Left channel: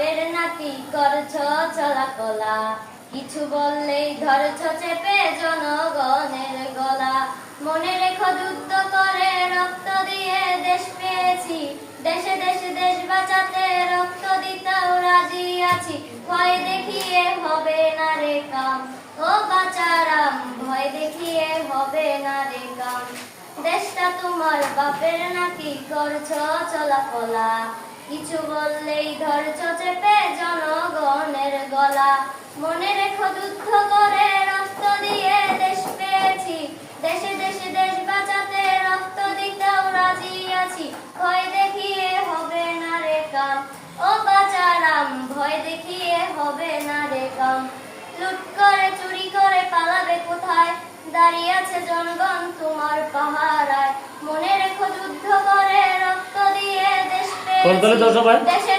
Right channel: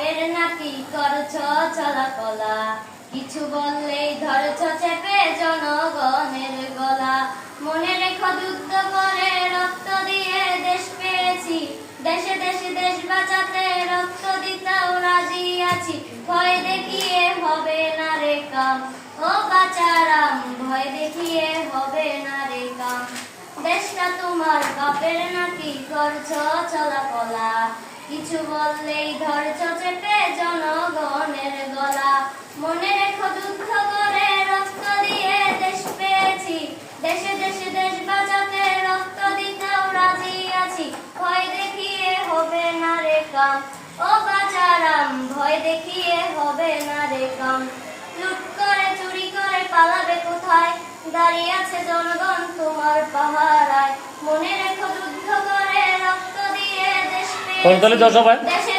বাপের নাতি করছ চলাকলা, কিছু বললেই ধরছ চেপে জনগণের গলা। মনে রেখো যুদ্ধ করে রক্ত দিয়ে দেশ পেয়েছি, দেশে দেশে দেশ বাঁচাতে রক্ত দিতেও রাজি আছি। ভয় দেখিয়ে হবে না রে কাম, ও বাচারাম, ভয় দেখিয়ে হবে না রে কাম। দেশটা তোমার বাপের নাতি করছ চলাকলা, কিছু বললেই ধরছ চেপে জনগণের গলা। মনে রেখো যুদ্ধ করে রক্ত দিয়ে দেশ পেয়েছি, দেশে দেশে দেশ বাঁচাতে রক্ত দিতেও রাজি আছি। ভয় দেখিয়ে হবে না রে কাম, ও বাচারাম, ভয় দেখিয়ে হবে না রে কাম। লুট করে চুরি করে পালাবে কোথায়, দাঁড়িয়ে আছে জনগণ তোমার পাহারায়। মনে রেখো যুদ্ধ করে রক্ত দিয়ে দেশ পেয়েছি, দেশে